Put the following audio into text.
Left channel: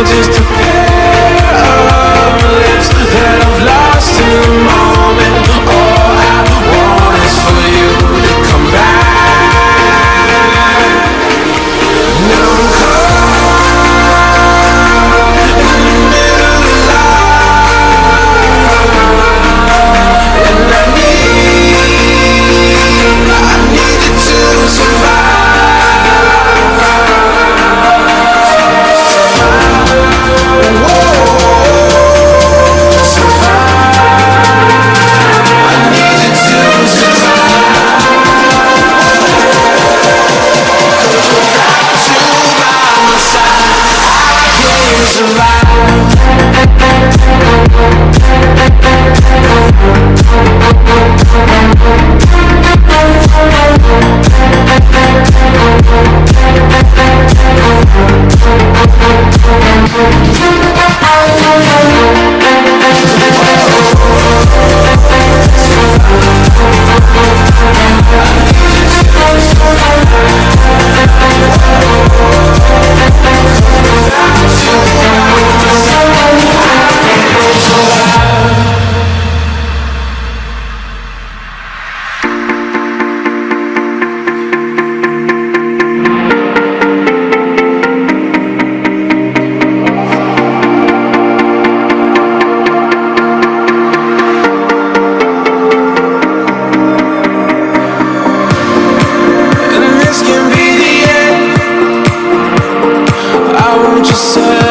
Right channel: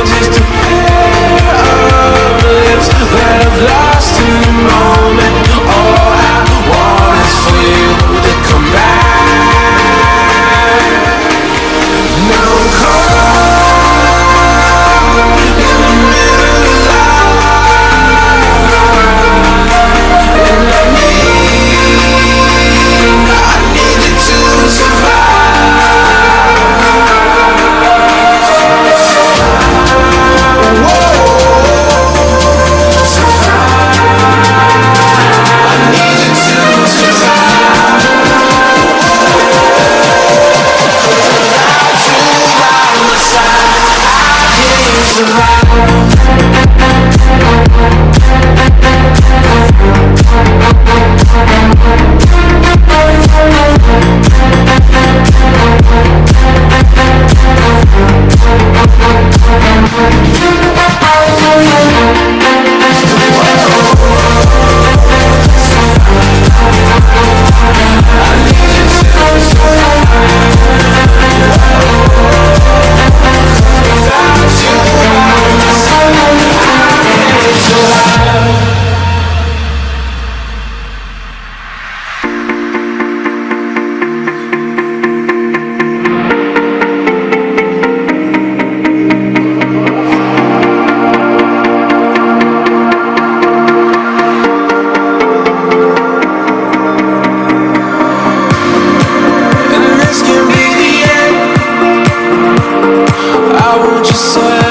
you're just a pair of lips that I've lost in the moment. All I want is for you to come back. Now I'm caught in the middle of life, and I need you to survive. Whoa, I need you to survive. 'Cause without you by my side, I can't survive. And this can be the end. I want you said